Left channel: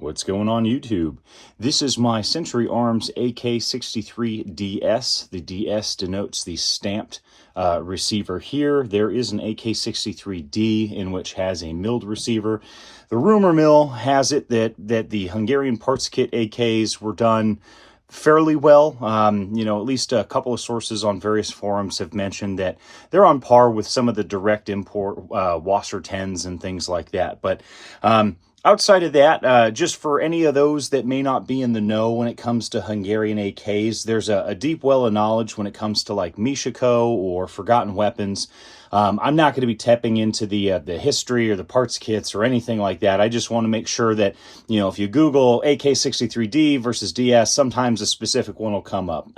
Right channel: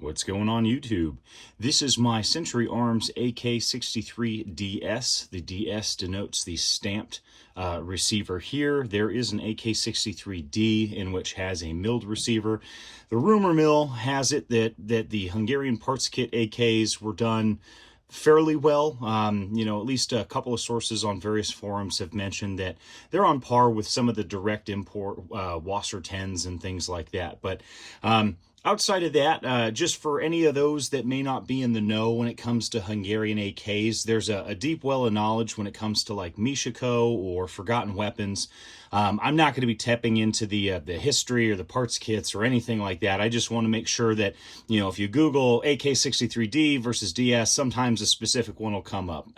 What's going on YouTube? This is my Century Arms AK63DS. The DS denotes the stamped receiver here. There is an AK63D in which has a milled receiver. The rumor mill has it that the Hungarian parts kit AKs were done fairly well. At least a couple of sources on various forums have mentioned that they're on par with some of the direct import Wasser 10s and things like that. But outside of that, just for any of those that may not be in the know when it comes to Hungarian AKs, there's a deep well of knowledge when it comes to like Mishiko or Forgotten Weapons. I'm not going to be tapping into the history or the parts kits or anything like that. I just want to make sure that, if you Google AK63D versus DS, sometimes a specific one will come up.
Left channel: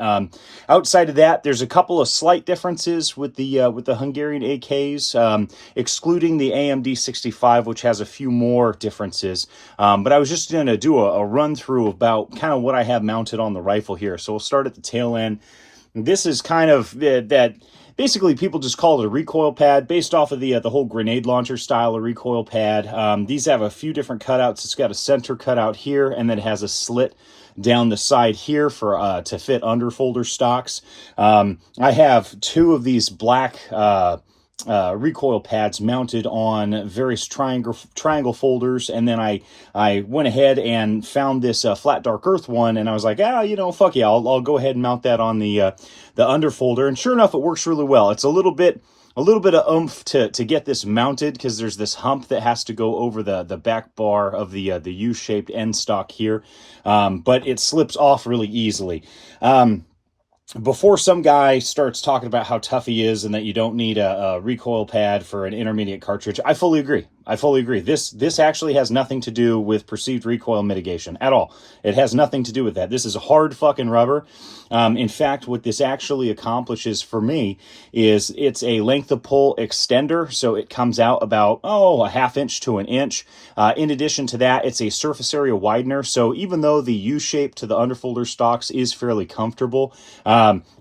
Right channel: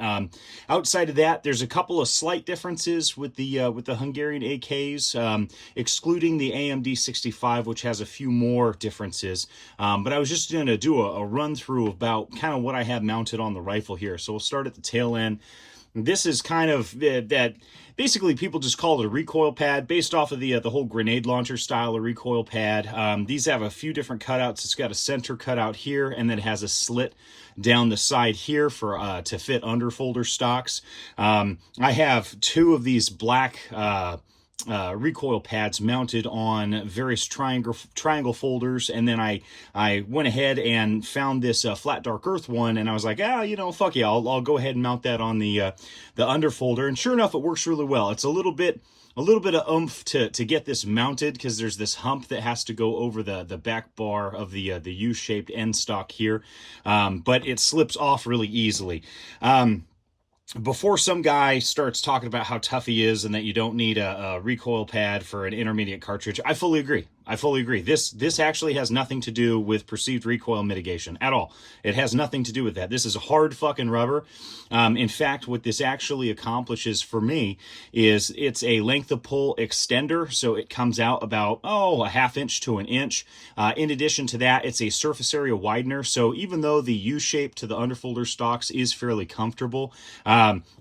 Outside of that, there's a couple of slight differences with the Hungarian AKs, excluding the AMD 65, which has a few more differences. But I was just going to do a run through about kind of what I have mounted on the rifle here. So we'll start at the tail end. This is kind of that. Basically, people just call it a recoil pad based off of the whole grenade launcher style of recoil pad. These have a few different cutouts. It's got a center cutout here, and then it has a slit down the side here for to fit underfolder stocks. I have two of these black recoil pads mounted on various triangle folders, and then I went ahead and found this flat dark earth one, and I was like, fuck yeah, I'll go ahead and mount that on the underfolder, and sure enough, it works really well. It's a little bit of oomph to get this mounted because there's this hump that has to go over the back bar of the U-shaped end stock here, but it slips off really easily. Before some guy starts talking about how tough he is and that you don't need a recoil pad for an intermediate cartridge, I fully agree. This actually has nothing to do with perceived recoil mitigation at all. It has nothing to do with that. This is hard fucking rubber. In fact, what this actually accomplishes for me is it's a length of pull extender, so it comes out about, a half inch to an inch. In addition to that, it's a surface area widener, so even though the U-shape to the underfolder stocks is fairly comfortable,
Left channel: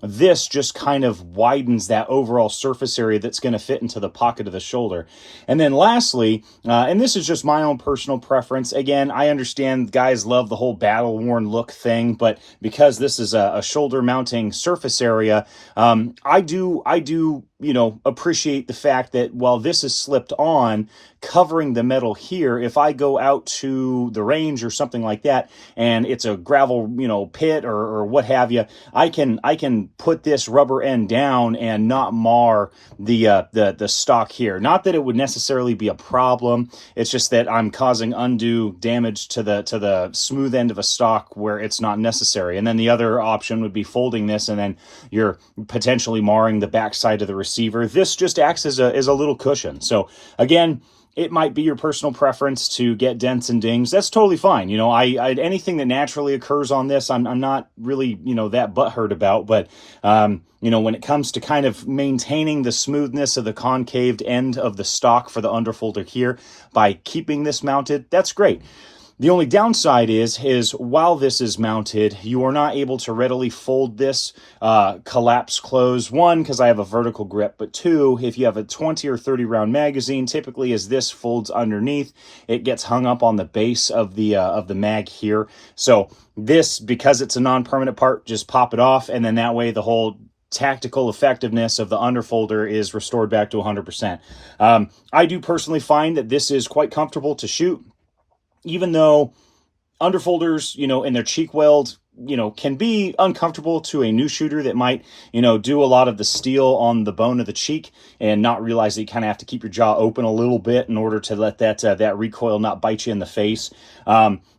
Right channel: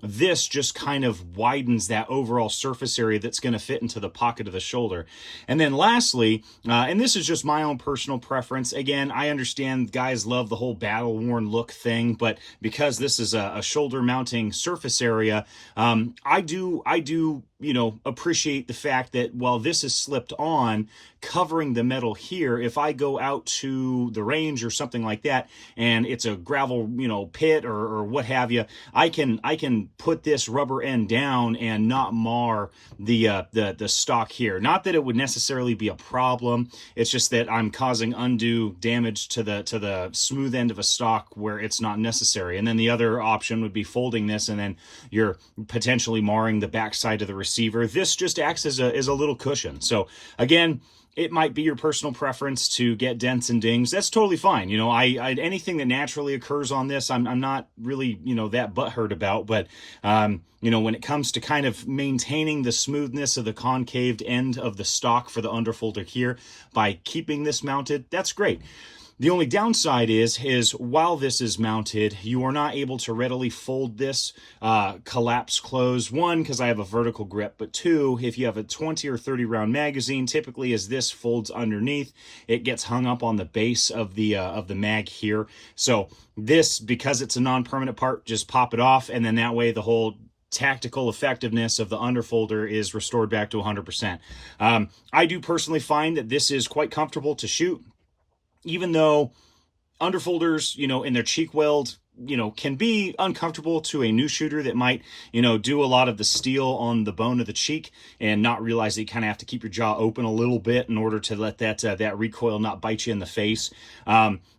this just kind of widens that overall surface area that's going to fit into the pocket of the shoulder. And then lastly, and this is just my own personal preference. Again, I understand guys love the whole battle-worn look thing, but because this is a shoulder mounting surface area, I do appreciate the fact that while this is slipped on, covering the metal here, if I go out to the range or something like that, and it's a gravel, pit or what have you, I can put this rubber end down and not mar the stock here. Not that it would necessarily be a problem. It's just that I'm causing undue damage to the smooth end of a stock where it's not necessary. And then the other option would be folding this, and then you're potentially marring the backside of the receiver. This just acts as a little cushion. So again, it might be your personal preference to get dents and dings. That's totally fine. I anything that naturally occurs on this, I'm not really, that butthurt about. But, when it comes to kind of maintaining the smoothness of the concaved end of the stock for the underfolder here by keeping this mounted, that's great. The only downside is while this is mounted, you are not able to readily fold this, collapse close. One, because I have a vertical grip, but two, if you have a 20 or 30 round magazine, typically as this folds underneath, it gets hung up on the base of the mag here. So this, because it's a non-permanent part, just pop it off, and then that way the whole tactical effectiveness of the underfolder is restored back to 100%. I do personally find that this is quite comfortable to shoot, even though underfolders, in their cheek weld, can be uncomfortable to a new shooter that might, do a lot of the steel on the bone of the cheek and not realize that you kind of have to keep your jaw open a little bit in order to let that recoil not bite you in the face.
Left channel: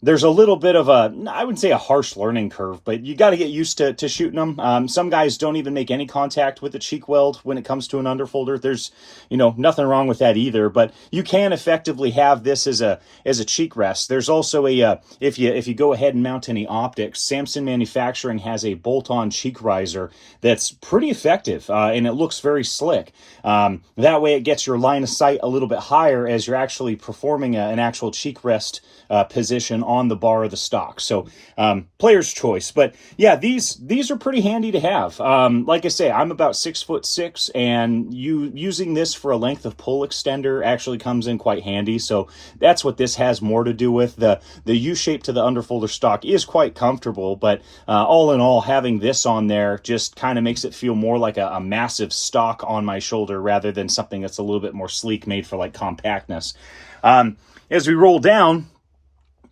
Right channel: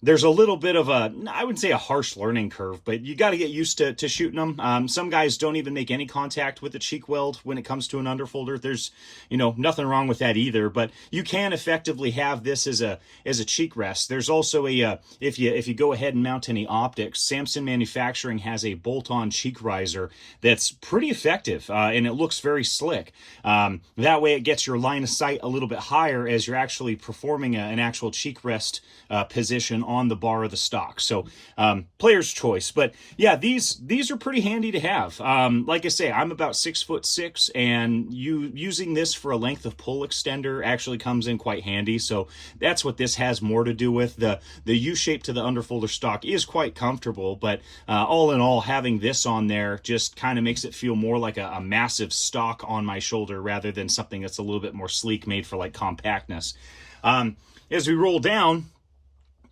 There's a little bit of I wouldn't say a harsh learning curve, but you got to get used to shooting them. Some guys don't even make any contact with the cheek weld when it comes to an underfolder. There's, nothing wrong with that either, but you can effectively have this as a cheek rest. There's also if you go ahead and mount any optics, Samsung Thompson Manufacturing has a bolt-on cheek riser that's pretty effective, and it looks very slick. That way it gets your line of sight a little bit higher as you're actually performing an actual cheek rest position on the bar of the stock. So player's choice. But yeah, these are pretty handy to have. Like I say, I'm about 6'6", and using this for a length of pull extender actually comes in quite handy. So that's what this has more to do with. The U-shape to the underfolder stock is quite comfortable, but all in all, having this on there just kind of makes it feel more like a massive stock on my shoulder rather than something that's a little bit more sleek, made for like compactness. As we roll down,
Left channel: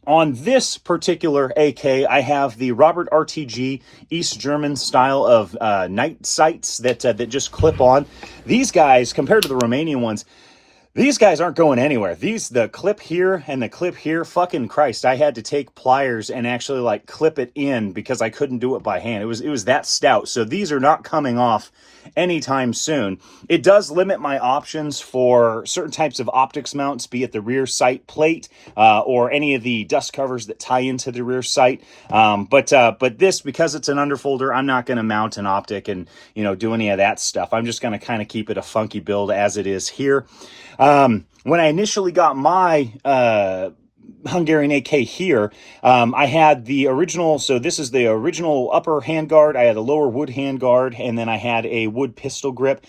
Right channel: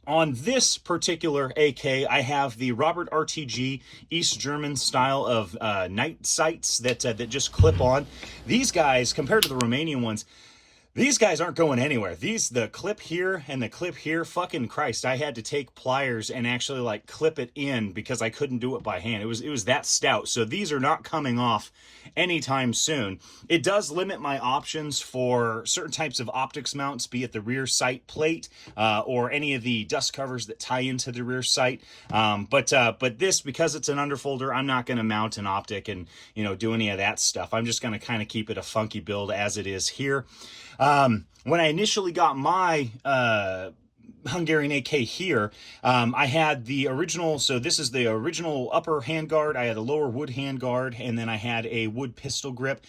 on this particular AK, I have the Robert RTG East German style of night sights that just clip on. These guys, compared to the Romanian ones, these guys aren't going anywhere. The clip here and the clip here, fucking Christ, I had to take pliers and actually like clip it in because I couldn't do it by hand. It was that stout. So these are not coming off anytime soon. It does limit my options for certain types of optics mounts, be it the rear sight plate or any of the dust covers that tie into the rear sight. But this, because it's an underfolder, I'm not going to mount an optic and do any of that stuff. I'm just going to kind of keep it a funky build as it is here. When I initially got my Hungarian AK here, I had the original, so this is the original upper handguard, I had a lower wood handguard, and then I had a wood pistol grip.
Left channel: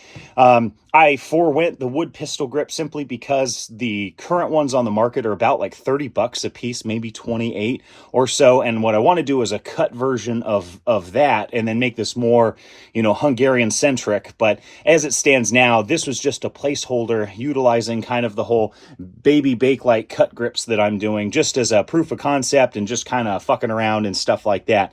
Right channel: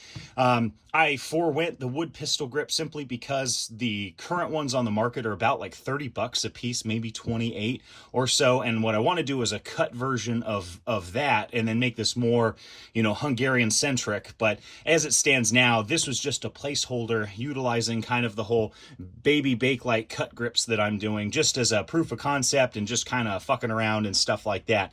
I forewent the wood pistol grip simply because the current ones on the market are about like 30 bucks a piece, maybe 28 or so, and what I want to do is a cut version of that and then make this more, Hungarian centric. But as it stands now, this was just a placeholder utilizing kind of the whole baby Bakelite cut grips that I'm doing just as a proof of concept and just kind of fucking around and stuff like that.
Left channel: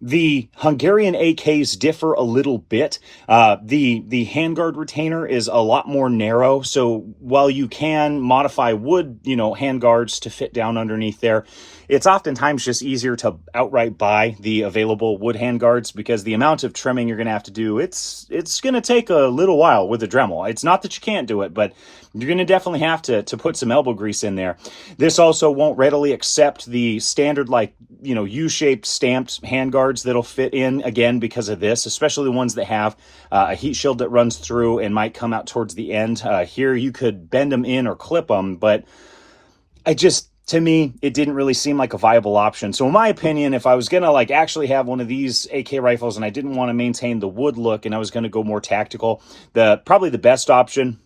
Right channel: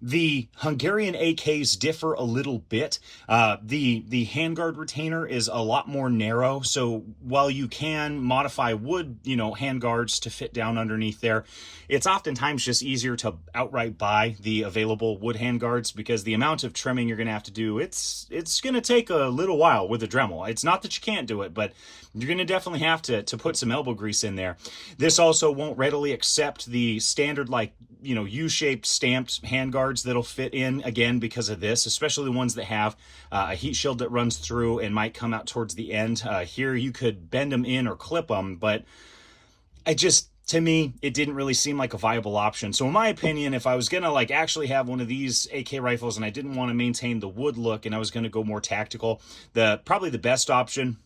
The Hungarian AKs differ a little bit. The handguard retainer is a lot more narrow, so while you can modify wood, handguards to fit down underneath there, it's oftentimes just easier to outright buy the available wood handguards because the amount of trimming you're going to have to do, it's going to take a little while with the Dremel. It's not that you can't do it, but you're going to definitely have to put some elbow grease in there. This also won't readily accept the standard, U-shaped stamped handguards that'll fit in, again, because of this, especially the ones that have a heat shield that runs through and might come out towards the end. Here you could bend them in or clip them, but to me, it didn't really seem like a viable option. So in my opinion, if I was going to actually have one of these AK rifles and I didn't want to maintain the wood look and I was going to go more tactical, probably the best option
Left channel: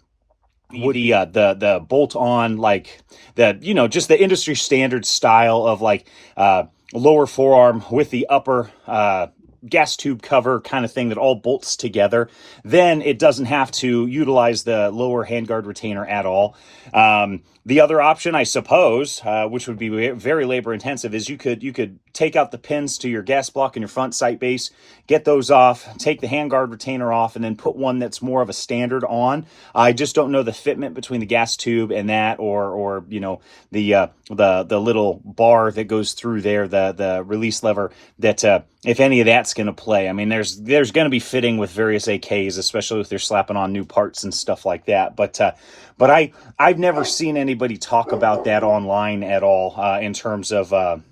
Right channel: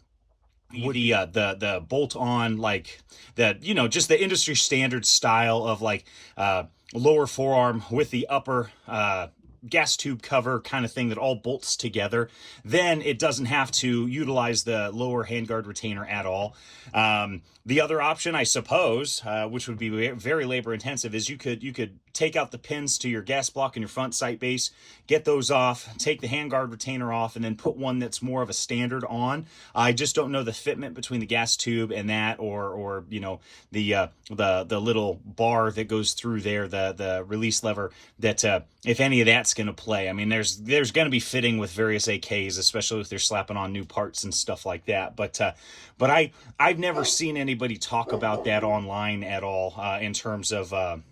would be the bolt-on, just the industry standard style of lower forearm with the upper gas tube cover kind of thing that all bolts together. Then it doesn't have to utilize the lower handguard retainer at all. The other option, I suppose, which would be very labor intensive, is you could take out the pins to your gas block and your front sight base, get those off, take the handguard retainer off, and then put one that's more of a standard on. I just don't know the fitment between the gas tube and that, or the little bar that goes through there, the release lever, that if any of that's going to play. I mean, there's going to be fitting with various AKs, especially if they're slapping on new parts and stuff like that. But I've never seen anybody talk about that online at all in terms of them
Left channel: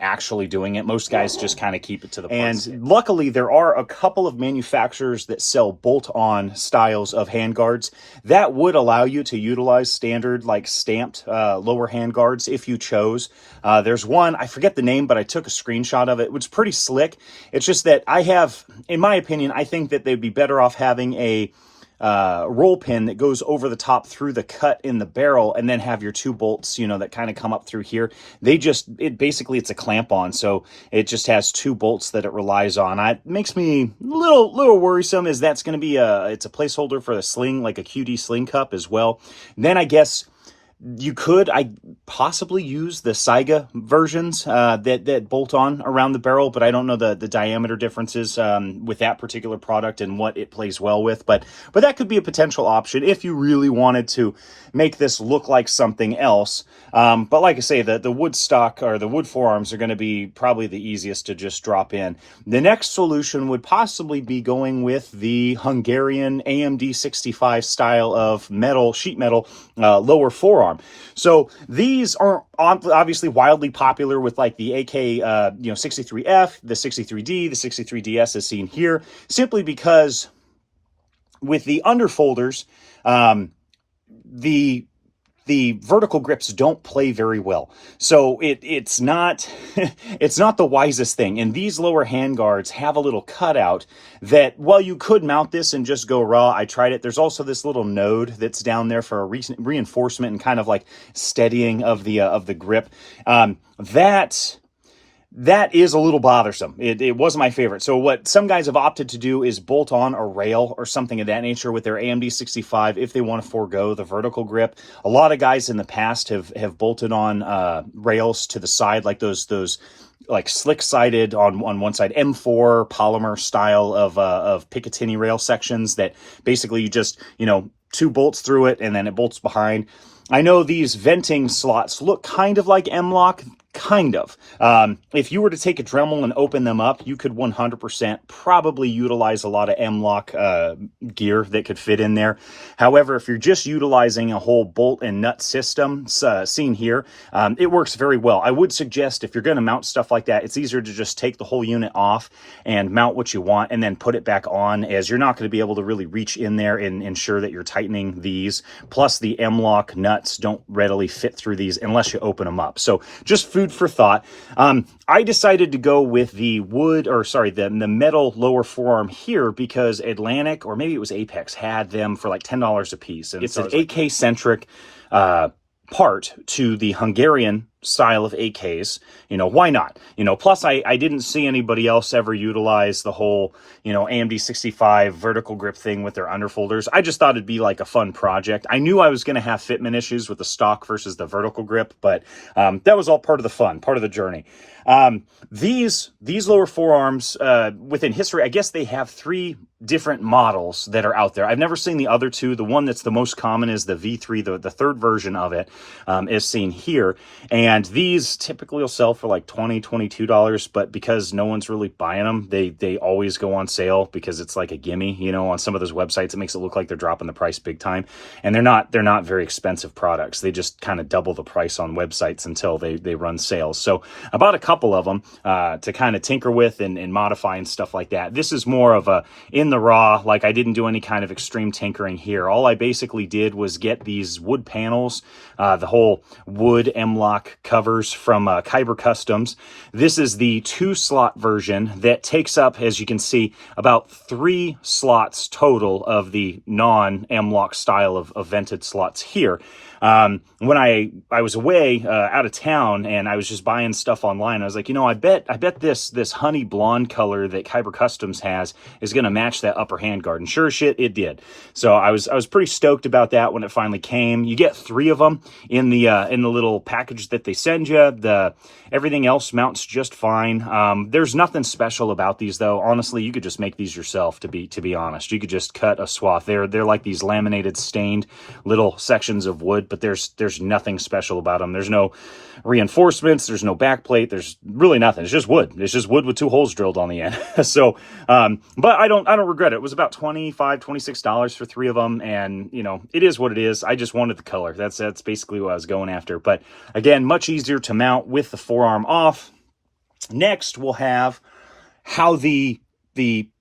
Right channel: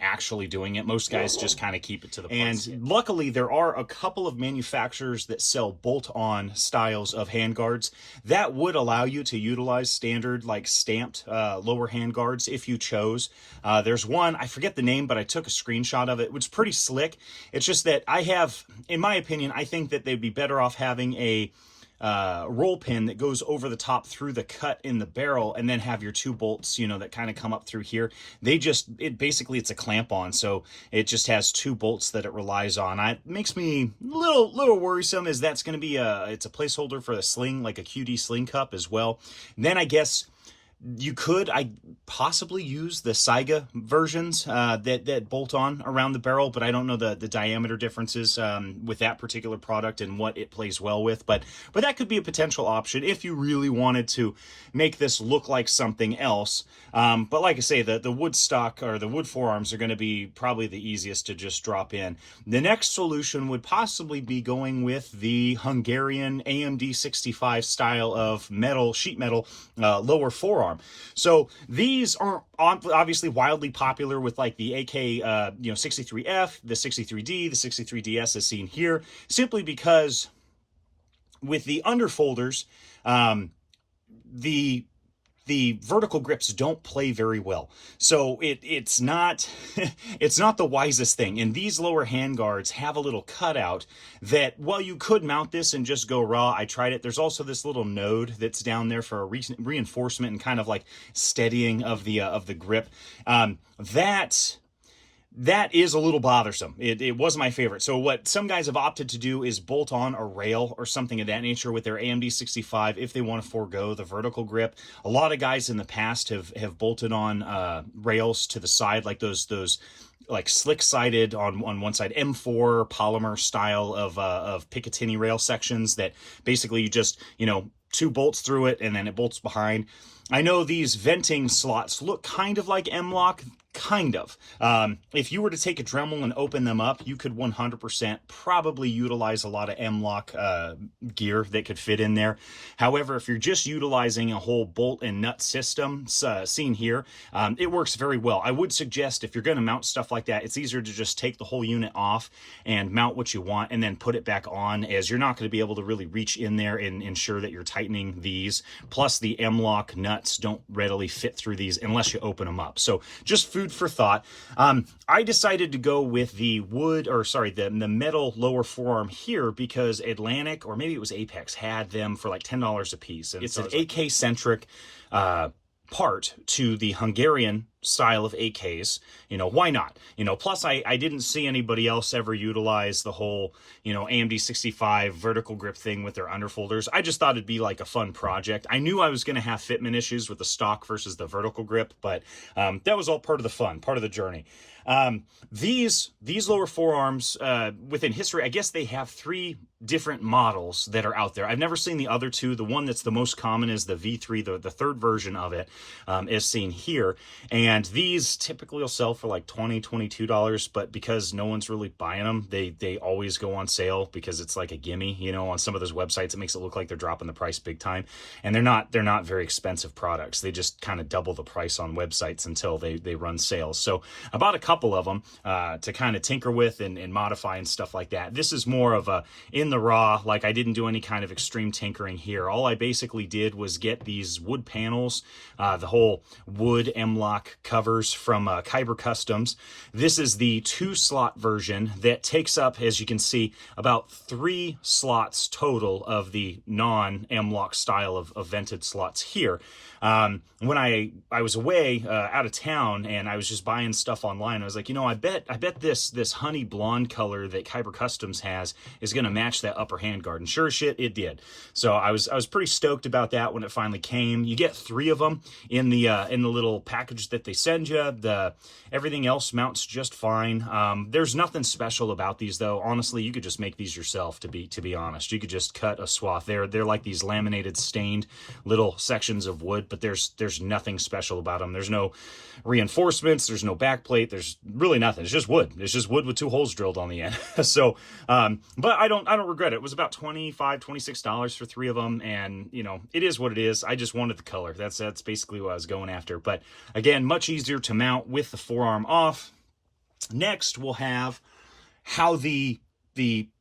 actually doing it. Most guys just kind of keep it to the parts. And luckily, there are a couple of manufacturers that sell bolt-on styles of handguards that would allow you to utilize standard, stamped lower handguards if you chose. There's one, I forget the name, but I took a screenshot of it. It was pretty slick. It's just that in my opinion, I think that they'd be better off having a roll pin that goes over the top through the cut in the barrel, and then have your two bolts, that kind of come up through here. Basically it's a clamp on, so it just has two bolts that it relies on. It makes me a little worrisome, is that's going to be it's a placeholder for a sling, like a QD sling cup as well. Then I guess you could possibly use the Saiga versions that bolt on around the barrel, but I don't know the diameter differences with that particular product and what it plays well with. But that could be a potential option if you really wanted to make this look like something else. But like I say, the wood stock or the wood forearms are going to be probably the easiest to just drop in. The next solution would possibly be going with the Hungarian AMD 65 style of sheet metal lower forearm. So these these aren't obviously wildly popular with like the AK, 63F, the 63D, the 63DS as seen here, simply because with the underfolders, the vertical grips don't play very well. So it's not it's not the wisest thing. And these lower handguards have a little cutout that, while you could mount this and just go raw, I tried it. There's also this little node that's down there for a reinforcement and kind of like steadying of the grip. That is a little bothersome. It wasn't my favorite. So what some guys have opted to do is bolt on a rail or something of that nature with their AMD 65 if they want to forego the vertical grip. A lot of guys in the past have bolted on rails to the side, like those like slick-sided on one side M4 polymer style of Picatinny rail sections that basically you just, 2 bolts through it and then it bolts behind. I know these venting slots look kind of like M-LOK. Kind of. If you were to take a Dremel and open them up, you could 100% probably utilize a lot of M-LOK gear that could fit in there. However, if you're just utilizing a whole bolt and nut system, seen here, it works very well. I would suggest if you're going to mount stuff like that, it's easier to just take the whole unit off and mount what you want and then put it back on, as you're not going to be able to really reach in there and ensure that you're tightening these. Plus, the M-LOK nuts don't readily fit through these unless you open them up. So just food for thought. I decided to go with the the metal lower forearm here because Atlantic, or maybe it was Apex, had them for like $10 a piece. And it's an AK-centric part to the Hungarian style of AKs. Why not? Plus I didn't see anybody else ever utilize the whole, AMD 65 vertical grip thing with their underfolders. I just thought it'd be like a fun project. I knew I was going to have fitment issues with the stock versus the vertical grip, but that was all part of the fun, part of the journey. These lower forearms, within history, I guess they have 3 different models that are out there. I've never seen the other 2. The one that's the most common is the V3, the third version of it, is seen here. And these typically will sell for like $20, $22, but because no one's really buying them, they always go on sale because it's like a gimme, on some of those websites. It makes it look like they're dropping the price big time. And they're not very expensive products. They just kind of double the price on websites until they run sales. So I bought a couple of them to kind of tinker with and modify and stuff like that. This is more of a in the raw, like I didn't do any kind of extreme tinkering here. All I basically did was get these wood panels, the whole wood M-LOK covers from Kyber Customs. This is the 2-slot version that takes up, as you can see, about 3 slots total of the non-M-LOK style of vented slots here. When I was away out of town and I was just buying stuff online, I was like, I bet this honey blonde color that Kyber Customs has is going to match that upper handguard. And sure as shit, it did. So I was pretty stoked about that when it finally came. You get 3 of them in the little package that they send you. Everything else mounts just fine. There's nothing special about these though. Honestly, you could just make these yourself. To be honest, you could just cut a swath. They're like these laminated, stained little sections of wood, but there's nothing special about them. There's no reinforcements. There's no backplate. There's really nothing. It's just wood. It's just wood with 2 holes drilled on the end. So, but I don't regret it. It was about $25, $26 for 3 of them. And it is what it is. I just wanted the color. That's basically what I was going after. But again, much easier to mount with the forearm off. Next, we'll have how the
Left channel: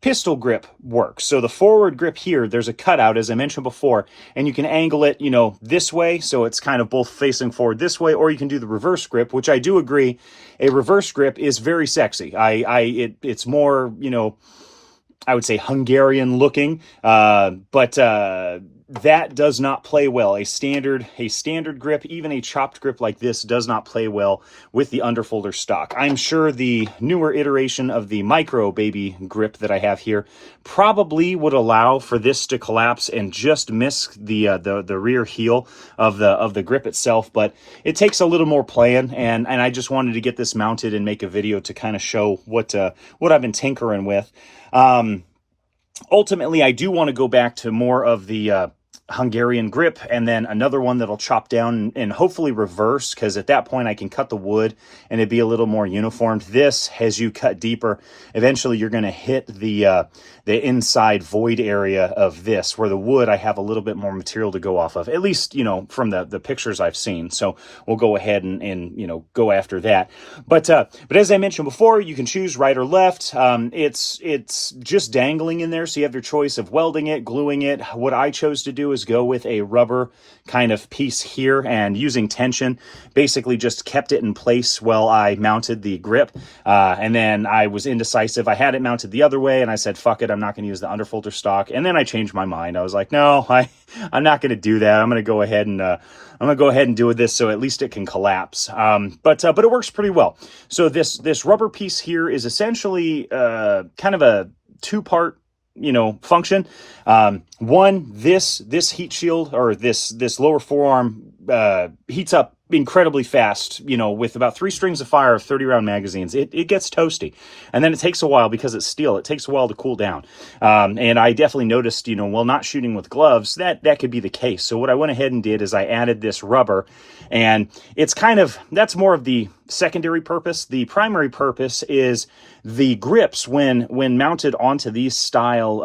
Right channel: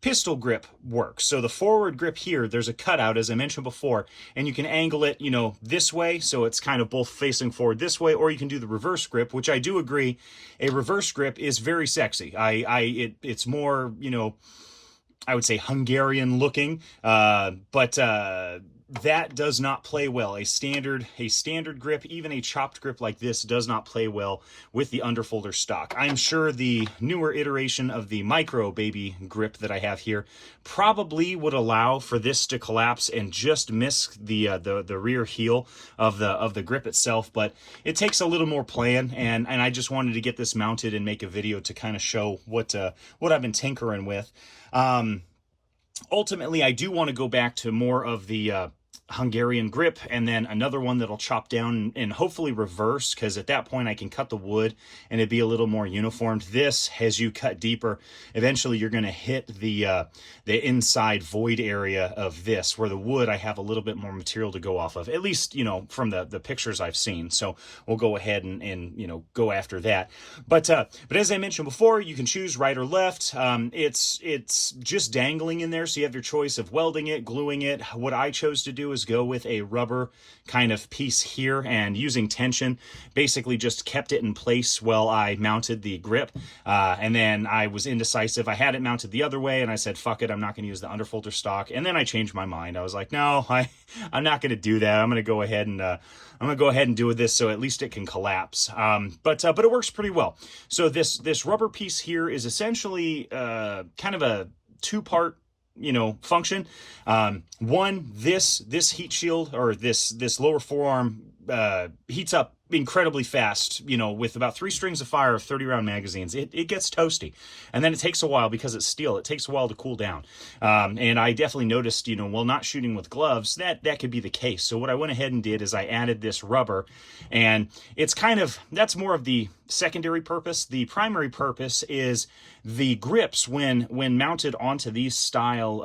pistol grip works. So the forward grip here, there's a cutout, as I mentioned before, and you can angle it, this way, so it's kind of both facing forward this way, or you can do the reverse grip, which I do agree, a reverse grip is very sexy. It's more, I would say Hungarian looking, but that does not play well. A standard grip, even a chopped grip like this, does not play well with the underfolder stock. I'm sure the newer iteration of the micro baby grip that I have here probably would allow for this to collapse and just miss the rear heel of the grip itself, but it takes a little more playing, and I just wanted to get this mounted and make a video to kind of show what I've been tinkering with. Ultimately, I do want to go back to more of the Hungarian grip, and then another one that'll chop down and hopefully reverse, because at that point I can cut the wood and it'd be a little more uniformed. This, as you cut deeper, eventually you're going to hit the inside void area of this, where the wood I have a little bit more material to go off of, at least, you know, from the pictures I've seen. So we'll go ahead and you know, go after that. But as I mentioned before, you can choose right or left. It's just dangling in there, so you have your choice of welding it, gluing it. What I chose to do is go with a rubber kind of piece here, and using tension basically just kept it in place while I mounted the grip. And then I was indecisive. I had it mounted the other way, and I said, fuck it, I'm not going to use the underfolder stock. And then I changed my mind. I was like, no, I'm not going to do that. I'm going to go ahead and do this, so at least it can collapse. But it works pretty well. So this rubber piece here is essentially kind of a two-part, you know, function. One, this heat shield, or this lower forearm heats up incredibly fast, you know, with about 3 strings of fire of 30-round magazines. It gets toasty, and then it takes a while, because it's steel, it takes a while to cool down. And I definitely noticed, you know, while not shooting with gloves, that could be the case. So what I went ahead and did is I added this rubber, and it's kind of, that's more of the secondary purpose. The primary purpose is the grips, when mounted onto these style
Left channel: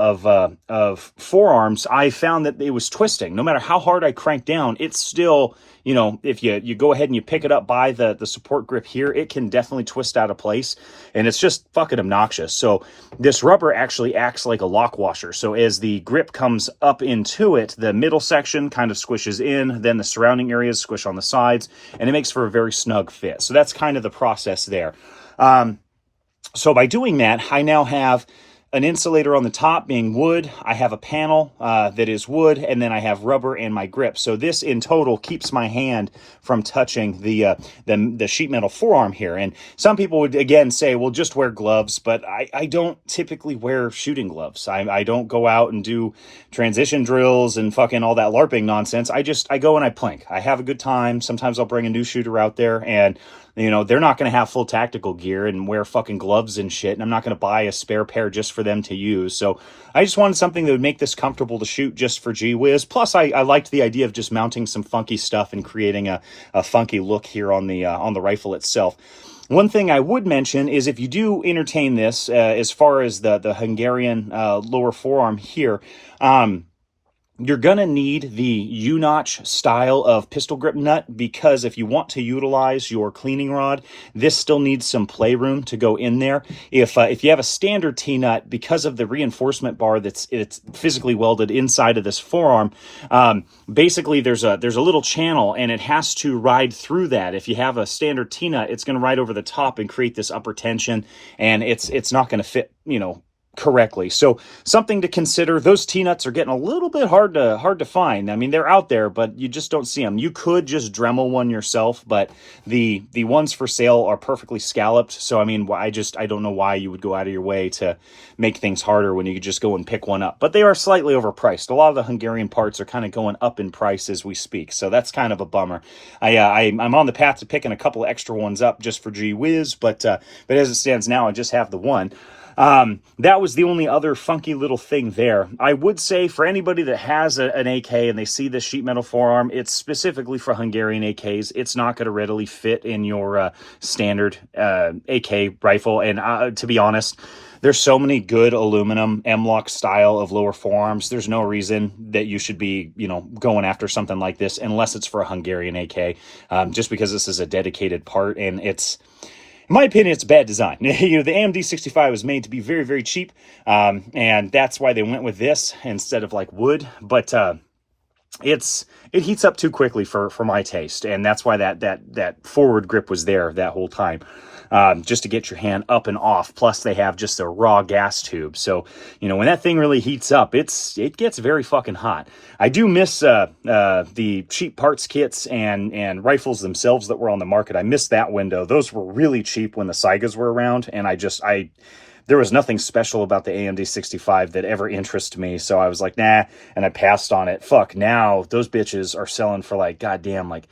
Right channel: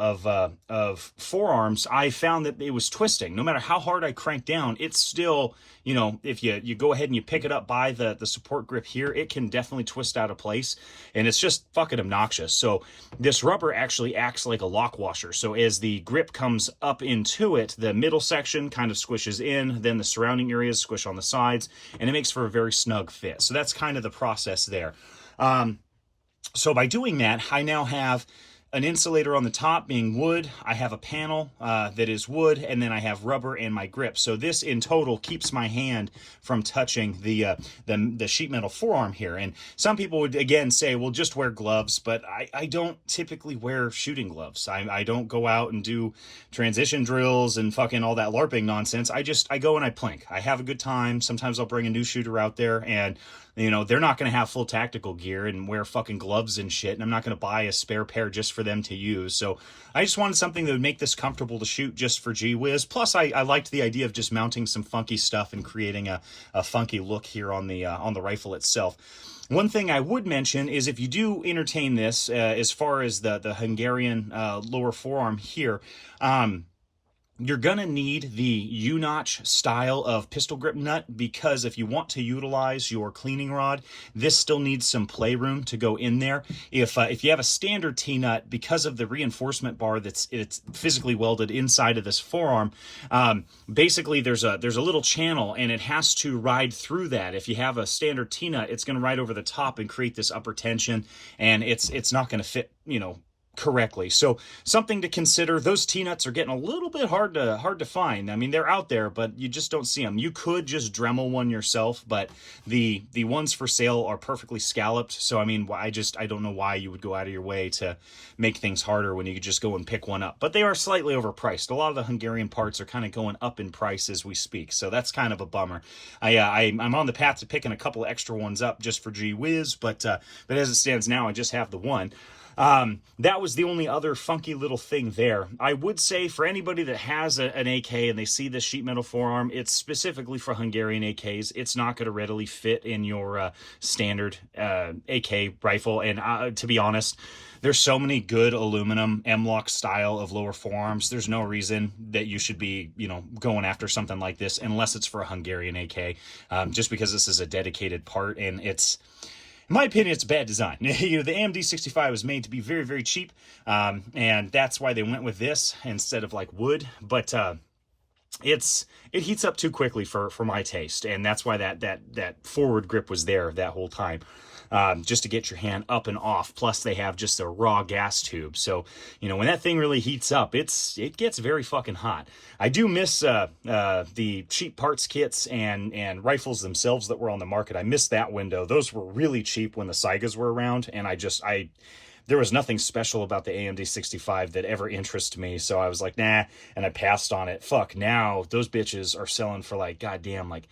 of forearms, I found that it was twisting. No matter how hard I cranked down, it's still, you know, if you go ahead and you pick it up by the support grip here, it can definitely twist out of place, and it's just fucking obnoxious. So this rubber actually acts like a lock washer. So as the grip comes up into it, the middle section kind of squishes in, then the surrounding areas squish on the sides, and it makes for a very snug fit. So that's kind of the process there. So by doing that, I now have an insulator on the top being wood. I have a panel that is wood, and then I have rubber and my grip. So this in total keeps my hand from touching the sheet metal forearm here. And some people would again say, well, just wear gloves, but I don't typically wear shooting gloves. I don't go out and do transition drills and fucking all that LARPing nonsense. I go and I plink. I have a good time. Sometimes I'll bring a new shooter out there, and you know, they're not going to have full tactical gear and wear fucking gloves and shit, and I'm not going to buy a spare pair just for them to use. So I just wanted something that would make this comfortable to shoot just for gee whiz. Plus, I liked the idea of just mounting some funky stuff and creating a funky look here on the rifle itself. One thing I would mention is, if you do entertain this, as far as the Hungarian lower forearm here, you're going to need the U-notch style of pistol grip nut, because if you want to utilize your cleaning rod, this still needs some playroom to go in there. If you have a standard T-nut, because of the reinforcement bar it's physically welded inside of this forearm, basically there's a little channel, and it has to ride through that. If you have a standard T-nut, it's going to ride over the top and create this upper tension, and it's not going to fit, you know, correctly. So something to consider. Those T-nuts are getting a little bit hard to find. I mean, they're out there, but you just don't see them. You could just Dremel one yourself, but the ones for sale are perfectly scalloped. So I mean, I don't know why you would go out of your way to make things harder when you could just go and pick one up. But they are slightly overpriced. A lot of the Hungarian parts are kind of going up in price as we speak, so that's kind of a bummer. I'm on the path to picking a couple extra ones up just for gee whiz, but as it stands now, I just have the one. That was the only other funky little thing there. I would say, for anybody that has an AK and they see this sheet metal forearm, it's specifically for Hungarian AKs. It's not going to readily fit in your standard AK rifle. And to be honest, there's so many good aluminum M-LOK style of lower forearms. There's no reason that you should be, you know, going after something like this unless it's for a Hungarian AK, just because this is a dedicated part, and it's, in my opinion, it's bad design. You know, the AMD 65 was made to be very, very cheap, and that's why they went with this instead of like wood. But it heats up too quickly for my taste, and that's why that forward grip was there that whole time, just to get your hand up and off. Plus, they have just a raw gas tube, so you know, when that thing really heats up, it gets very fucking hot. I do miss the cheap parts kits and rifles themselves that were on the market. I missed that window. Those were really cheap when the Saigas were around, and there was nothing special about the AMD 65 that ever interested me, so I was like, nah, and I passed on it. Fuck, now those bitches are selling for like, goddamn, like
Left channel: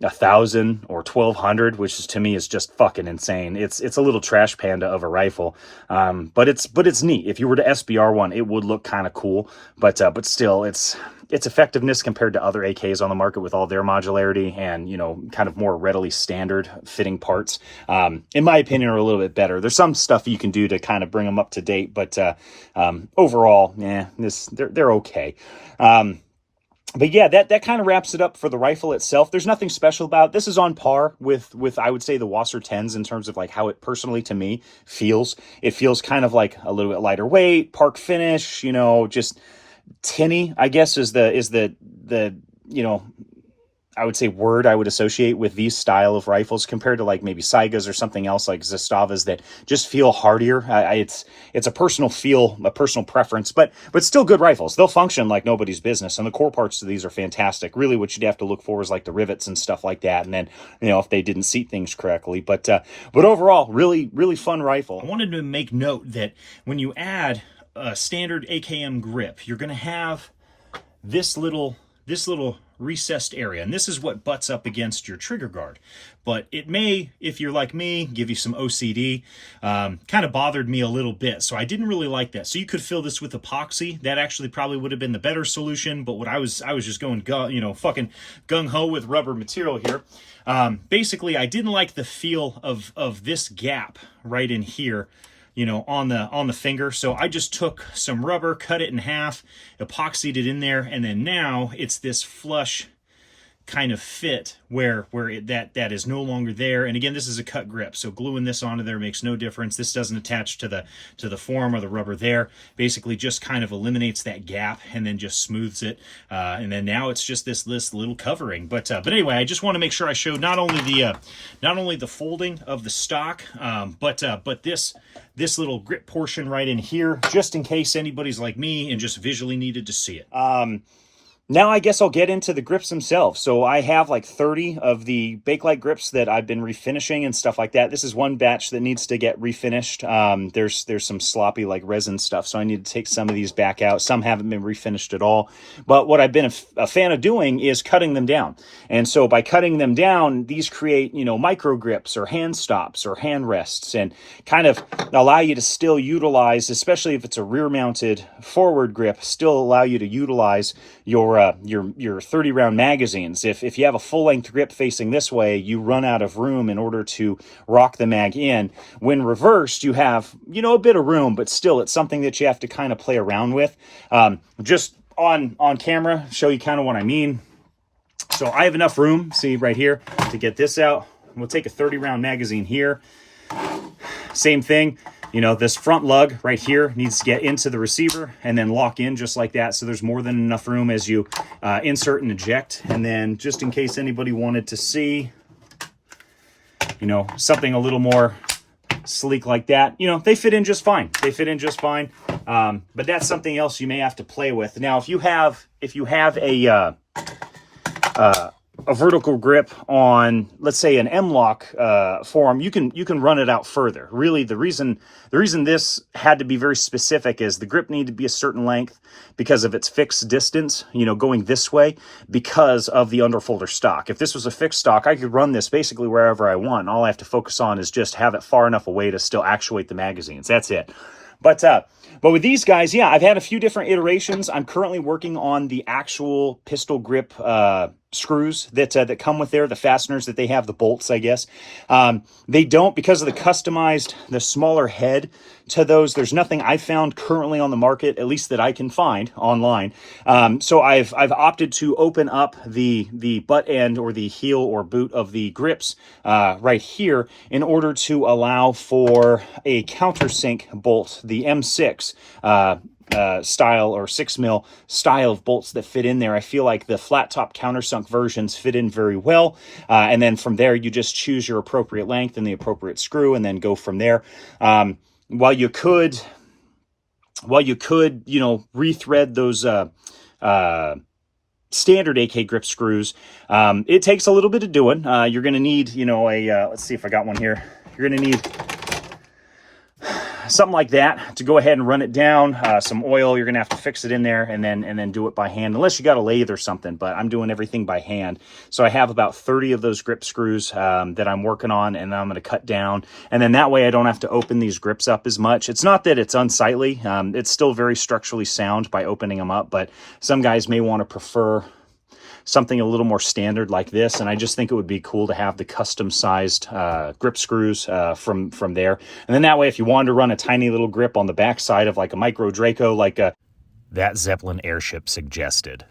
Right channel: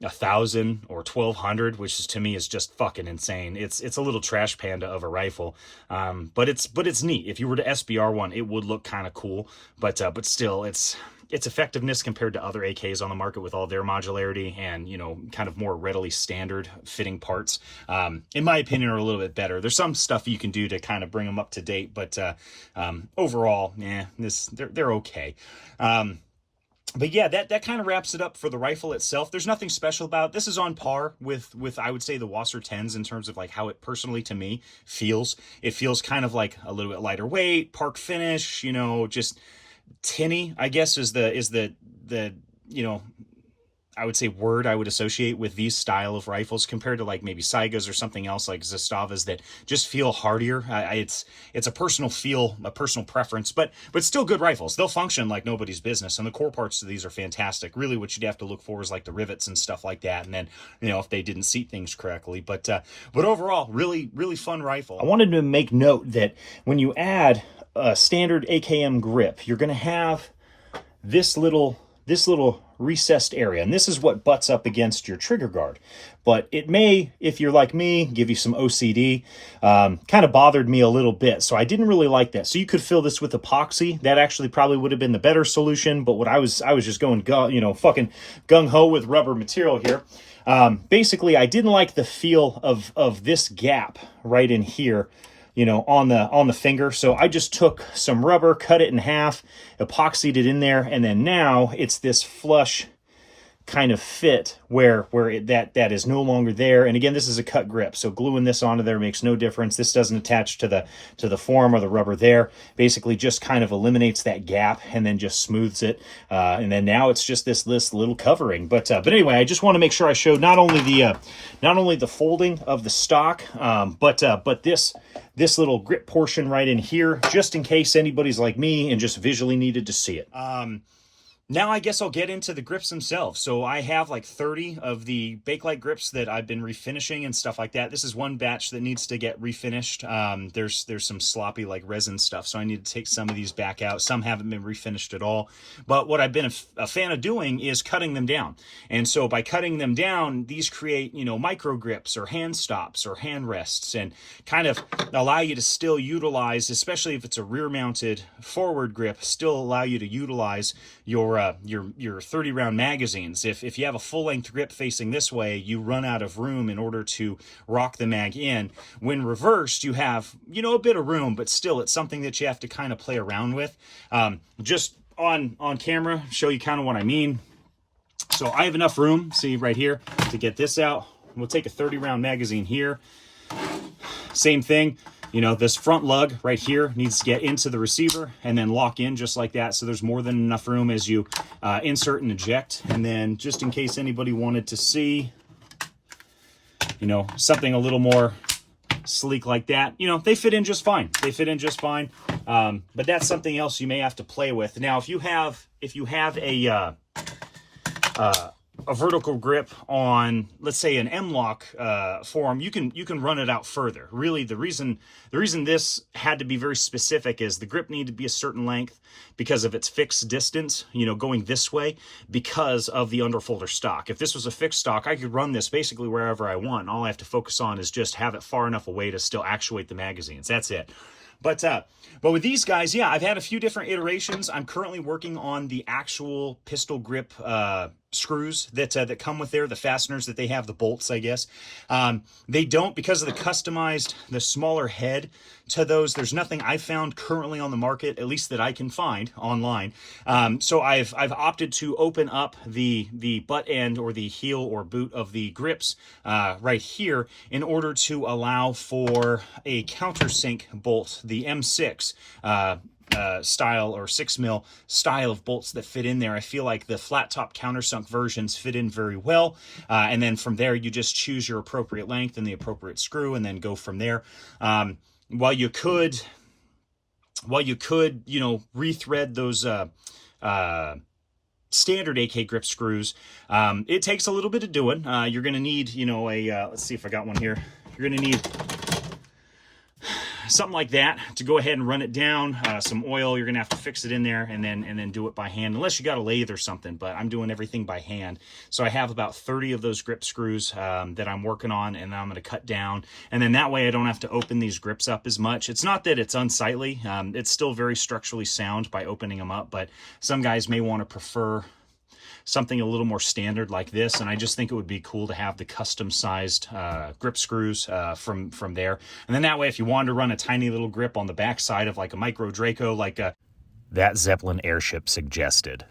1,000 or 1,200, which is, to me, is just fucking insane. It's a little trash panda of a rifle, but it's neat. If you were to SBR one, it would look kind of cool, but still, its effectiveness compared to other AKs on the market with all their modularity and, you know, kind of more readily standard fitting parts, in my opinion, are a little bit better. There's some stuff you can do to kind of bring them up to date, but overall, they're okay. But yeah, that kind of wraps it up for the rifle itself. There's nothing special about it. This is on par with I would say the Wasser 10s in terms of like how it personally to me feels. It feels kind of like a little bit lighter weight, park finish, you know, just tinny, I guess is the you know, I would say word I would associate with these style of rifles compared to like maybe Saigas or something else like Zastavas that just feel hardier. It's a personal feel, a personal preference, but still good rifles. They'll function like nobody's business, and the core parts of these are fantastic. Really, what you'd have to look for is like the rivets and stuff like that, and then, you know, if they didn't seat things correctly. But overall, really fun rifle. I wanted to make note that when you add a standard AKM grip, you're going to have this little recessed area, and this is what butts up against your trigger guard. But it may, if you're like me, give you some OCD. Kind of bothered me a little bit, so I didn't really like that. So you could fill this with epoxy. That actually probably would have been the better solution, but what I was just going fucking gung-ho with rubber material here. Basically, I didn't like the feel of this gap right in here, you know, on the finger. So I just took some rubber, cut it in half, epoxied it in there, and then now it's this flush kind of fit where that is no longer there. And again, this is a cut grip, so gluing this onto there makes no difference. This doesn't attach to the form or the rubber there. Basically just kind of eliminates that gap and then just smooths it. And then now it's just this little covering. But anyway, I just want to make sure I showed not only the folding of the stock, but this little grip portion right in here, just in case anybody's like me and just visually needed to see it. Now I guess I'll get into the grips themselves. So I have like 30 of the Bakelite grips that I've been refinishing and stuff like that. This is one batch that needs to get refinished. There's some sloppy like resin stuff, so I need to take some of these back out. Some haven't been refinished at all. But what I've been a fan of doing is cutting them down. And so by cutting them down, these create, you know, micro grips or hand stops or hand rests, and kind of allow you to still utilize, especially if it's a rear mounted forward grip, still allow you to utilize your 30 round magazines. If you have a full length grip facing this way, you run out of room in order to rock the mag in. When reversed, you have, you know, a bit of room, but still it's something that you have to kind of play around with. Just on camera, show you kind of what I mean. So I have enough room, see right here, to get this out. We'll take a 30 round magazine here. Same thing. You know, this front lug right here needs to get into the receiver and then lock in just like that. So there's more than enough room as you insert and eject. And then just in case anybody wanted to see, you know, something a little more sleek like that, you know, they fit in just fine. They fit in just fine. But that's something else you may have to play with. Now, if you have a vertical grip on, let's say, an M-lock form, you can run it out further. Really, the reason this had to be very specific is the grip needed to be a certain length because of its fixed distance, you know, going this way because of the underfolder stock. If this was a fixed stock, I could run this basically wherever I want. All I have to focus on is just have it far enough away to still actuate the magazines. That's it. But with these guys, yeah, I've had a few different iterations. I'm currently working on the actual pistol grip screws that come with there, the fasteners that they have, the bolts, I guess. They don't, because of the smaller head to those. There's nothing I found currently on the market, at least that I can find online. So I've opted to open up the butt end or the heel or boot of the grips right here in order to allow for a countersink bolt, the M6 style or 6mm style of bolts that fit in there. I feel like the flat top countersunk versions fit in very well, and then from there you just choose your appropriate length and the appropriate screw and then go from there. While you could, you know, rethread those standard AK grip screws, it takes a little bit of doing. You're going to need, you know, let's see if I got one here. You're going to need something like that to go ahead and run it down. Some oil, you're gonna have to fix it in there and then do it by hand, unless you got a lathe or something, but I'm doing everything by hand. So I have about 30 of those grip screws that I'm working on, and then I'm gonna cut down, and then that way I don't have to open these grips up as much. It's not that it's unsightly, it's still very structurally sound by opening them up, but some guys may want to prefer something a little more standard like this, and I just think it would be cool to have the custom sized grip screws from there. And then that way, if you wanted to run a tiny little grip on the back side of like a Micro Draco, like that Zeppelin airship suggested,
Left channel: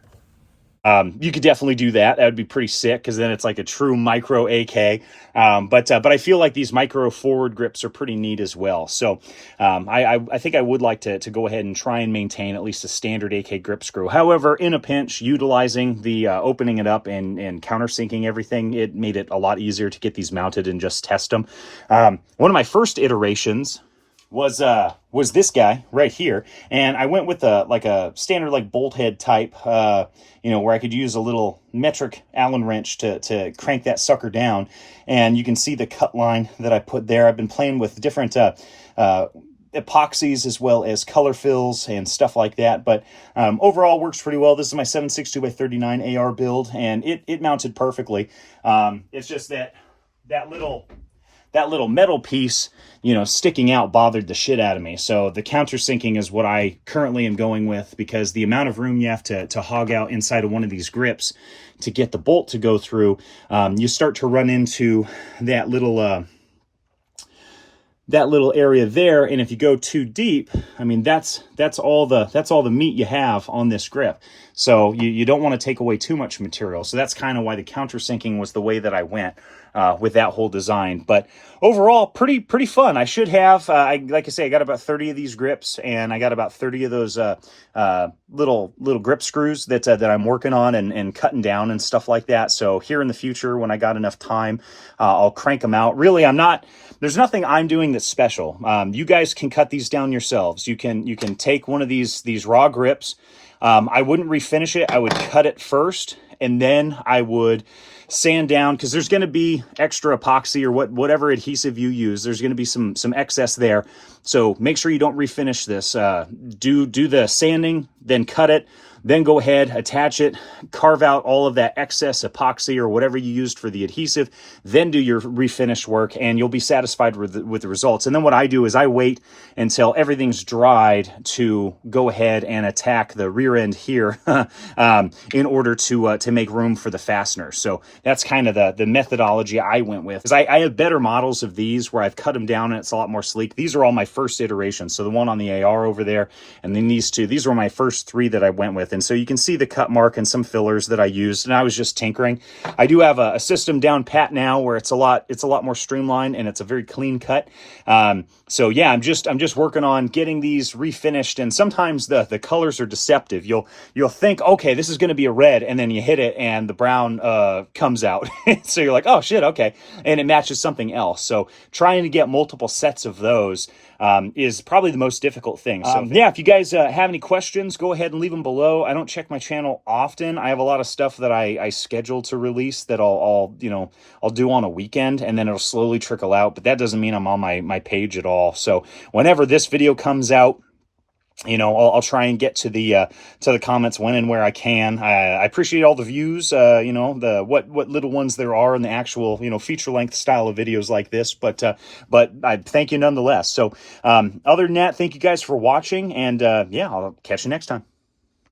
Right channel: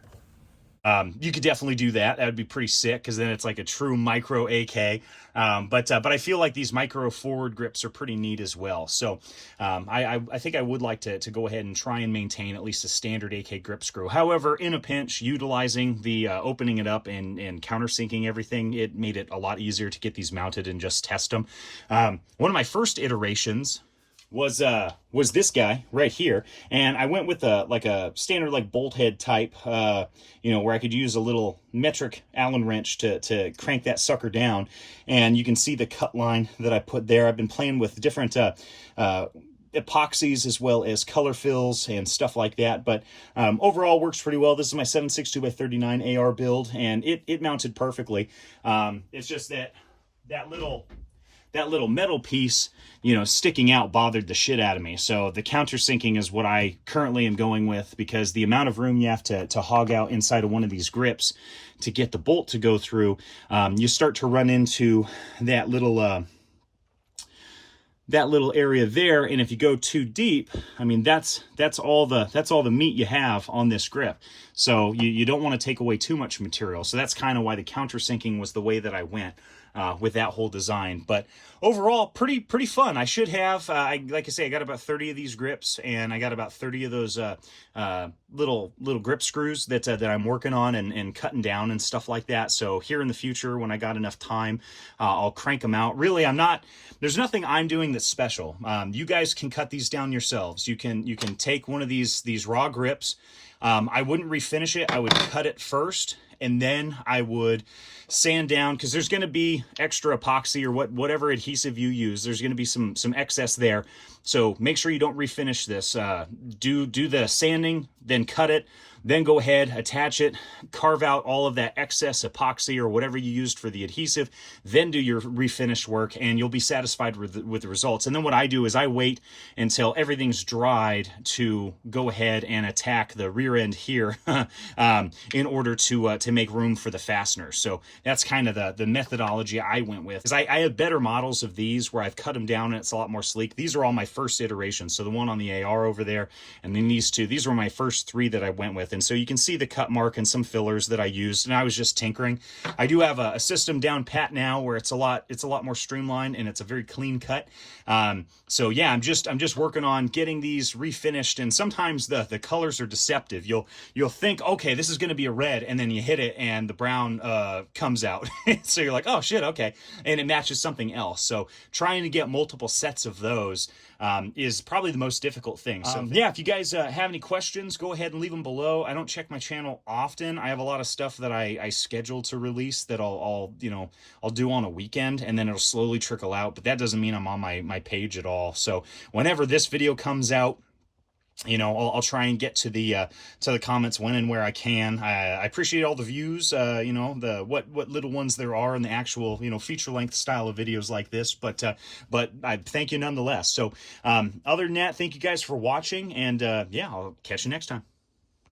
you could definitely do that. That would be pretty sick, because then it's like a true micro AK. But I feel like these micro forward grips are pretty neat as well. So I think I would like to go ahead and try and maintain at least a standard AK grip screw. However, in a pinch, utilizing the opening it up and countersinking everything, it made it a lot easier to get these mounted and just test them. One of my first iterations was this guy right here, and I went with a standard like bolt head type, where I could use a little metric Allen wrench to crank that sucker down, and you can see the cut line that I put there. I've been playing with different epoxies as well as color fills and stuff like that, but overall works pretty well. This is my 7.62x39 AR build, and it mounted perfectly. It's just that little metal piece, sticking out bothered the shit out of me. So the countersinking is what I currently am going with, because the amount of room you have to hog out inside of one of these grips to get the bolt to go through, you start to run into that little area there, and if you go too deep, I mean that's all the meat you have on this grip. So you don't want to take away too much material. So that's kind of why the countersinking was the way that I went with that whole design. But overall, pretty fun. I should have, like I say, I got about 30 of these grips, and I got about 30 of those little grip screws that I'm working on and cutting down and stuff like that. So here in the future, when I got enough time, I'll crank them out. Really, there's nothing I'm doing that's special. You guys can cut these down yourselves. You can take one of these raw grips. I wouldn't refinish it. I would cut it first, and then I would sand down, because there's going to be extra epoxy or whatever adhesive you use. There's going to be some excess there. So make sure you don't refinish this. Do the sanding, then cut it, then go ahead, attach it, carve out all of that excess epoxy or whatever you used for the adhesive, then do your refinish work, and you'll be satisfied with the results. And then what I do is I wait until everything's dried to go ahead and attack the rear end here in order to make room for the fastener. So that's kind of the methodology I went with. Because I have better models of these where I've cut them down and it's a lot more sleek. These are all my first iterations. So the one on the AR over there, and then these two, these were my first three that I went with. And so you can see the cut mark and some fillers that I used, and I was just tinkering. I do have a system down pat now where it's a lot more streamlined, and it's a very clean cut. So yeah, I'm just working on getting these refinished, and sometimes the colors are deceptive. You'll think, okay, this is going to be a red, and then you hit it and the brown comes out. So you're like, oh shit, okay, and it matches something else. So trying to get multiple sets of those is probably the most difficult thing. So yeah, if you guys have any questions, go ahead and leave them below. I don't check my channel often. I have a lot of stuff that I schedule to release that I'll do on a weekend, and then it'll slowly trickle out, but that doesn't mean I'm on my page at all. So whenever this video comes out, I'll try and get to the comments when and where I can. I appreciate all the views, what little ones there are in the actual, feature length style of videos like this, but I thank you nonetheless. So, other than that, thank you guys for watching, and yeah, I'll catch you next time.